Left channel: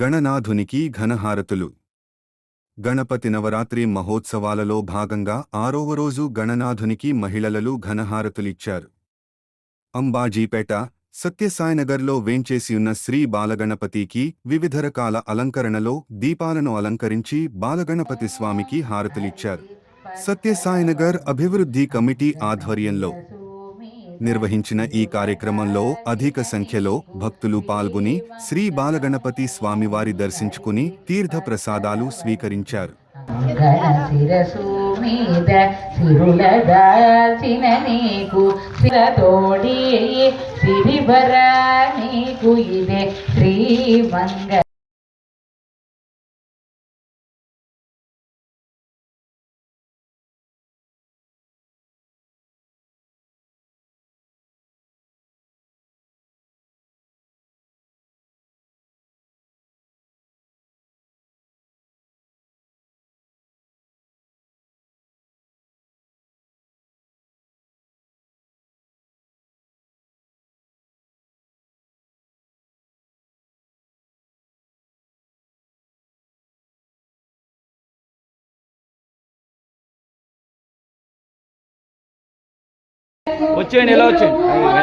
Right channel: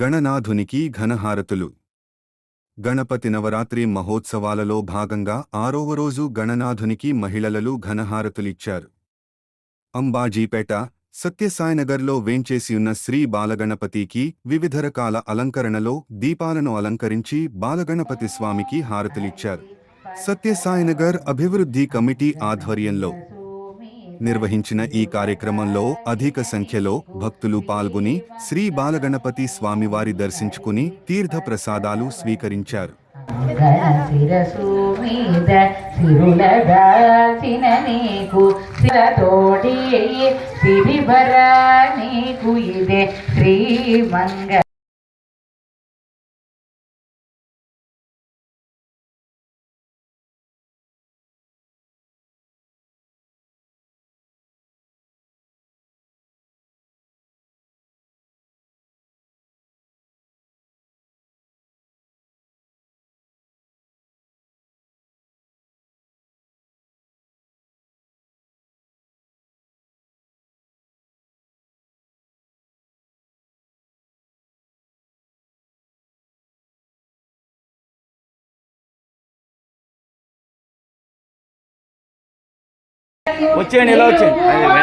గణనాథునికి ఘనహారతులు. గణపతి నవరాత్రి మహోత్సవాలలో భాగంగా ఆరవ రోజు గణనాథునికి మహిళలలు ఘనహారతులిచ్చారు. అంబాజీపేట సత్యసాయినగర్లో వేంచేసియున్న శ్రీ బాలగణపతికి వివిధ రకాల అలంకరణలో దీపాలను అలంకరించి బాలగణపతి స్వామికి హారతులిచ్చారు. సత్యసాయినగర్ అభివృద్ధి కమిటీ ఆధ్వర్యంలో నిర్వహించిన ఈ కార్యక్రమంలో అధిక సంఖ్యలో భక్తులు పాల్గొని శ్రీ బాలగణపతి స్వామివారి దర్శించుకుని తీర్థ ప్రసాదాలు స్వీకరించారు శ్రీ వచ్చేయండి ఇలా వచ్చేయండి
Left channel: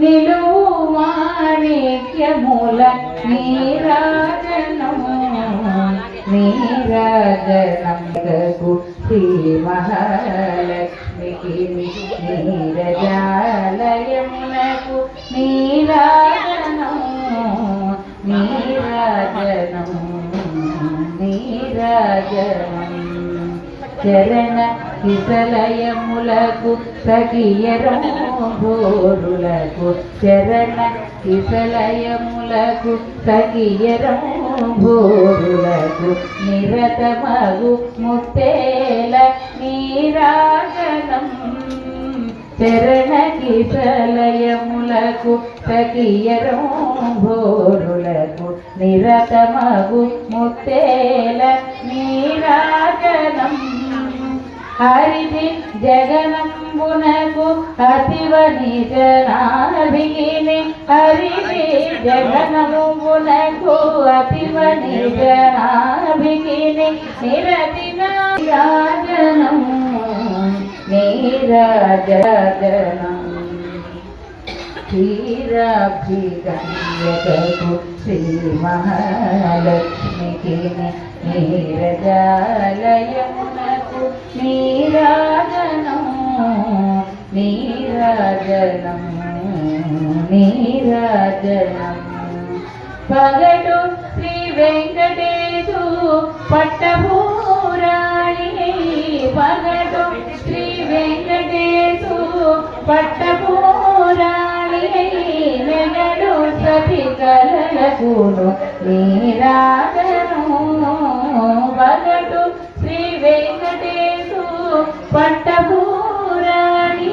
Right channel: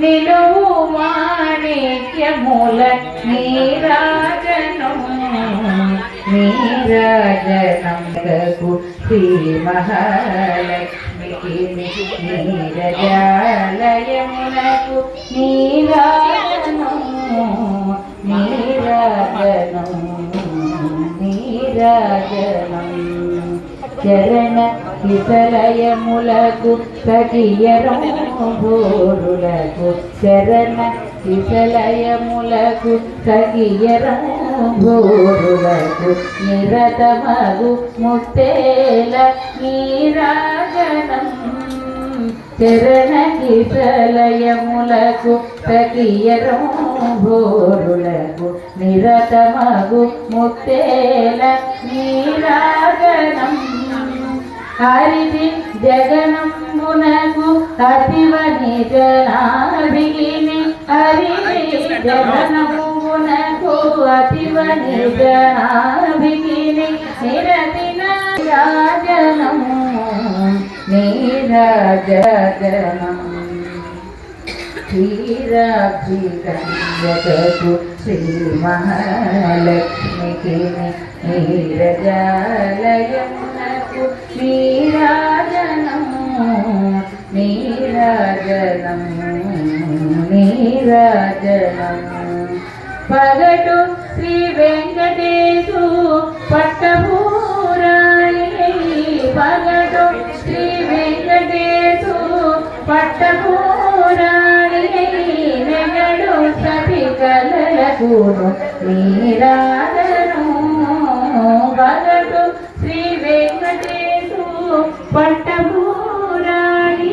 నిలువు మాణిక్యముల నీరాజనం నీరాజనంకు శ్రీ మహాలక్ష్మికి నీరజాలయమునకు నీరాజనం నీరాజనం నీరాజనం. చరణ విసలయములకు సగియరంబోరులకు చరణ విసలయములకు సగియరంబోరులకు నిరతమగు ముత్తేల నీరాజనం. చరణ కిసలయములకు సగియరంబోరులకు నిరతమగు ముత్తేల నీరాజనం. హరిది జగనంబునకు అతివని జనాభిని హరిది జగనంబునకు అతివని జనాభిని నిరతిన రాజనం నీరాజనం. క్షీరాభిగణ్యకు శ్రీ మహాలక్ష్మికి నీరజాలయము నీరాజనం నీరాజనం నీరాజనం. పగటు శ్రీ వెంకటేశు పట్టభూరాణి పగటు శ్రీ వెంకటేశు పట్టభూరాణి నెగడు సతి కలలకును నీరాజను పగటు పట్టభూరాణి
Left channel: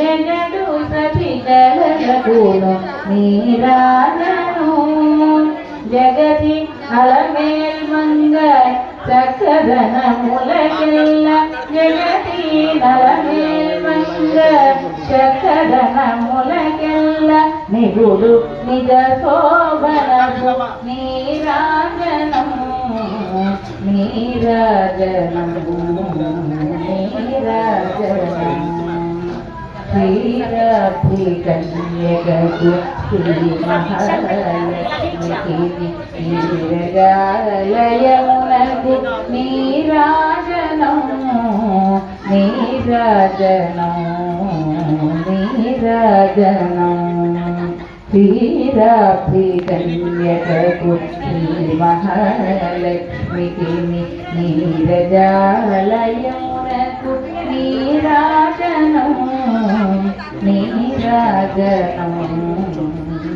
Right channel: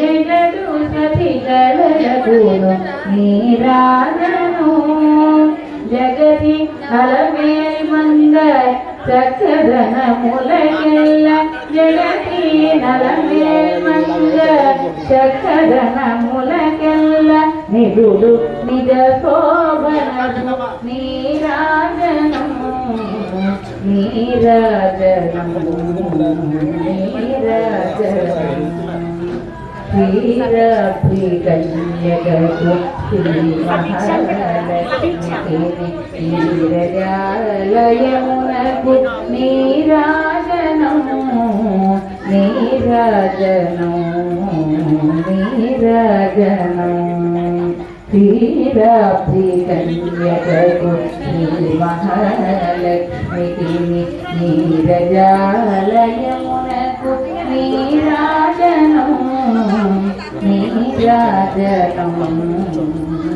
నెగడు సతి కలలకును నీరాజను. జగతి అలమేల్ మంగ చక్కదన ములకెల్ల జగతి నలమేల్ మంగ చక్కదన ములకెల్ల నిగుడు నిజ శోభనము నీరాజనము నీరాజనము నీరాజనము శ్రీరభికన్యకు శ్రీ నీరాజనం నీరాజనం శ్రీ మహాలక్ష్మికి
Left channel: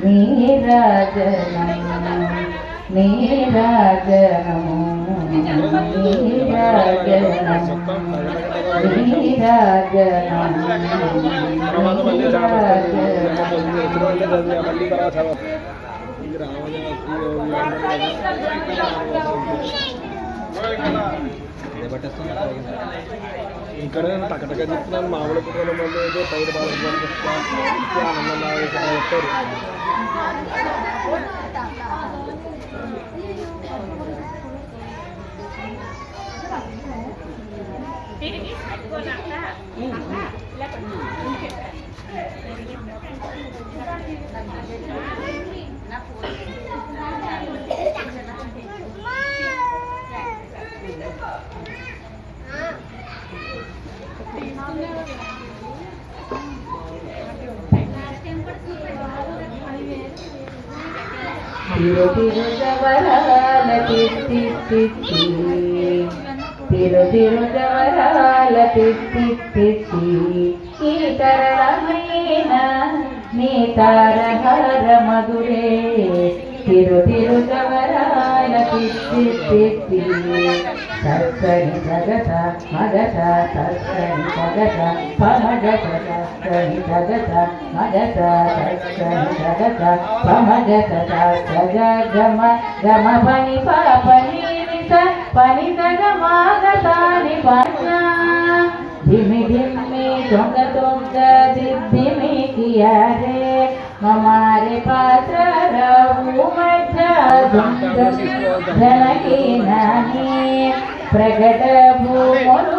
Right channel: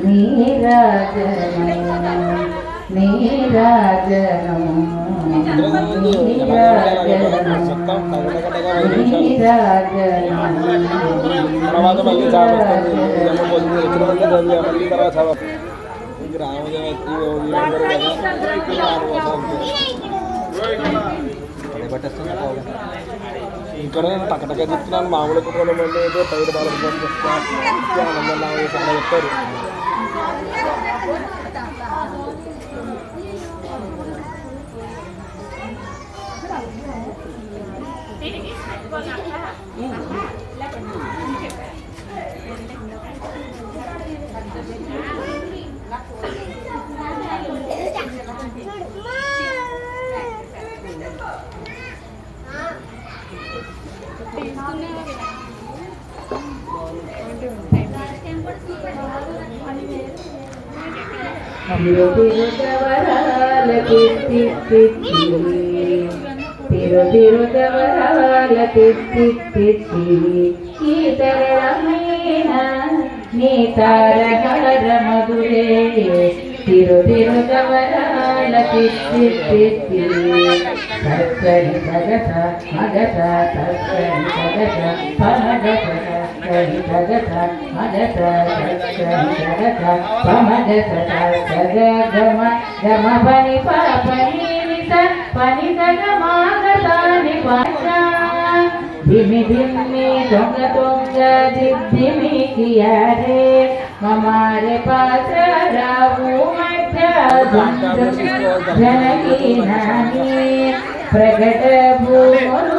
నీరాజనం నీరాజనం నీరాజనం తర్వాత మళ్ళీ చదవాలి వచ్చిన వాళ్ళు చదివా మళ్ళీ తర్వాత చదవాలి ఇంక ఇక్కడ నేను టక్కటక్క చెప్తున్నాను మామూలు కుటుంబం మళ్ళీ పైరు బాగా ఆనందం చెప్తారు Thank you. జవరాల తిత్తి తిత్తి తిరు తిరు జవరాల తిత్తి తిత్తి ఈ తరళమైన నీ తారహర మధురే తిరు తిరు జవరాల తిత్తి తిత్తి సత్సరి సగత మగత సత్సరి సగత పమగత సత్సరి సగత మగత సత్సరి సగత పమగత సగ గమ గమ పని పని నిత పని సగ మాగతాని పన్న ధిమి ధిమి దొంగ దొంగ దిద్దిమి కియారే మమారే పాస రావు మధ్య జనకి నాని ప్రకట భూములు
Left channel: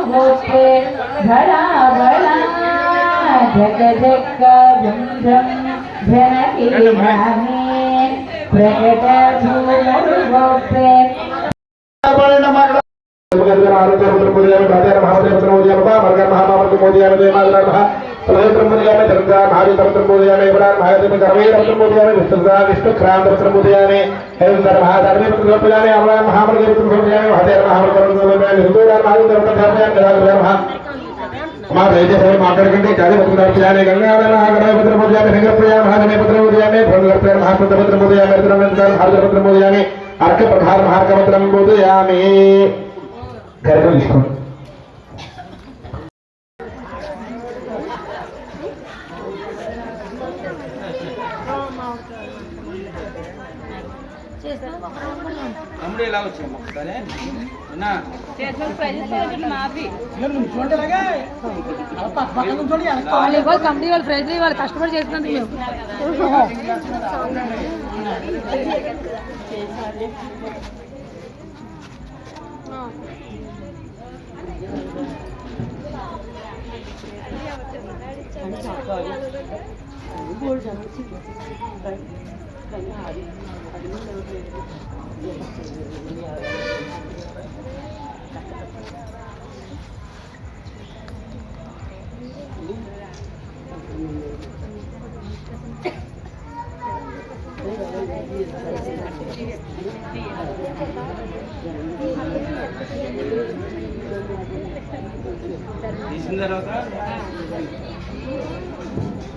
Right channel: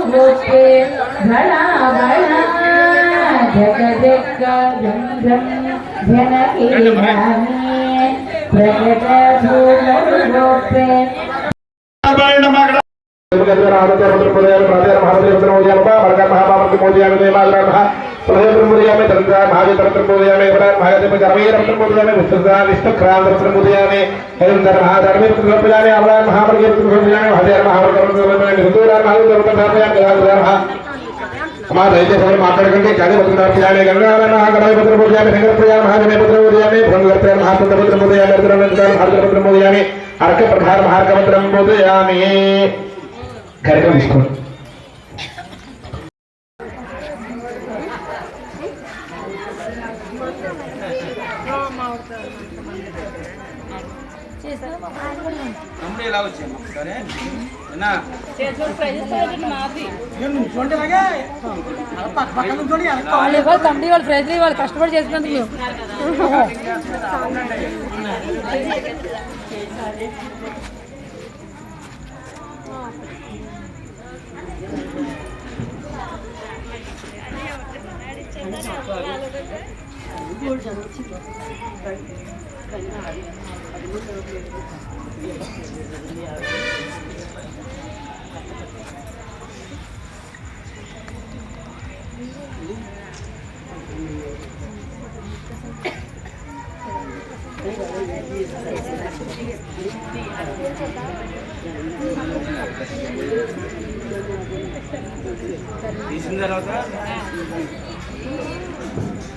हमारे राज्य सर माता करके जाने पत्रकार पूजा में गंगा में महा गणेश पत्र पूजा में सिंह पूजा महा गणेश पत्र पूजा में ब्रह्म पत्र महा पत्र पूजा में अर्जुन पत्र पूजा में अर्घ प्रकार महा पत्र पूजा में వాళ్ళు ఇవ్వాలి కంపెనీ వాళ్ళు ప్రైజ్ వాళ్ళు కష్టపడి చేసినందుకు తీసిన తర్వాత